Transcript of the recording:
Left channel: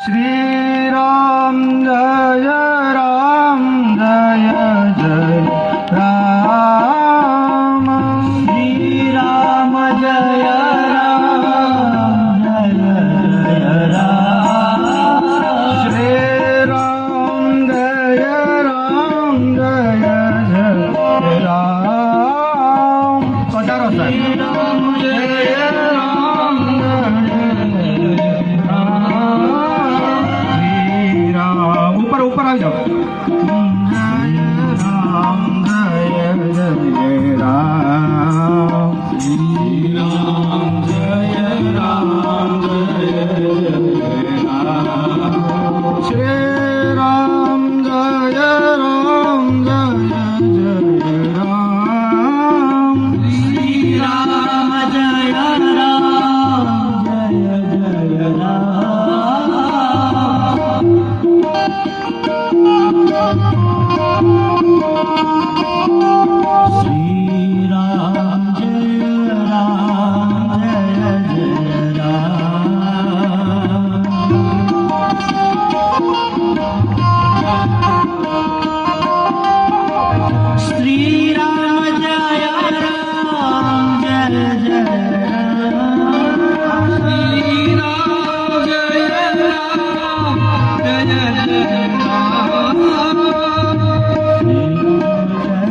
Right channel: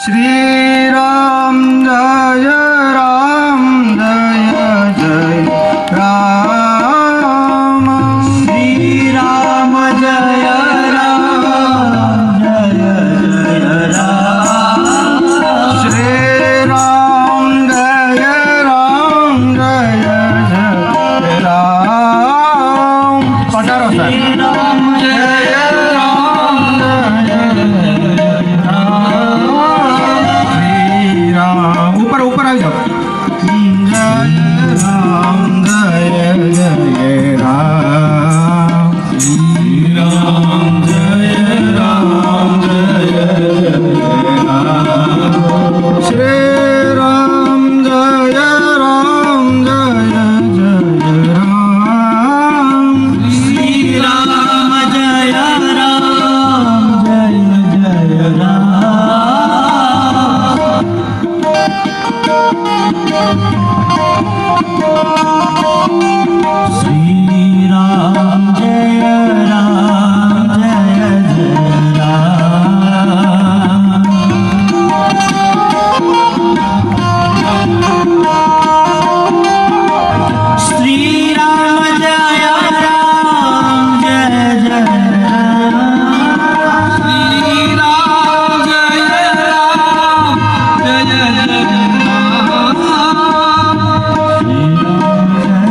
Shri Ram Jai Ram Jai Jai Ram Shri Ram Jai Ram Jai Jai Ram Shri Ram Jai Ram Jai Jai Ram पटारो sir Shri Ram Jai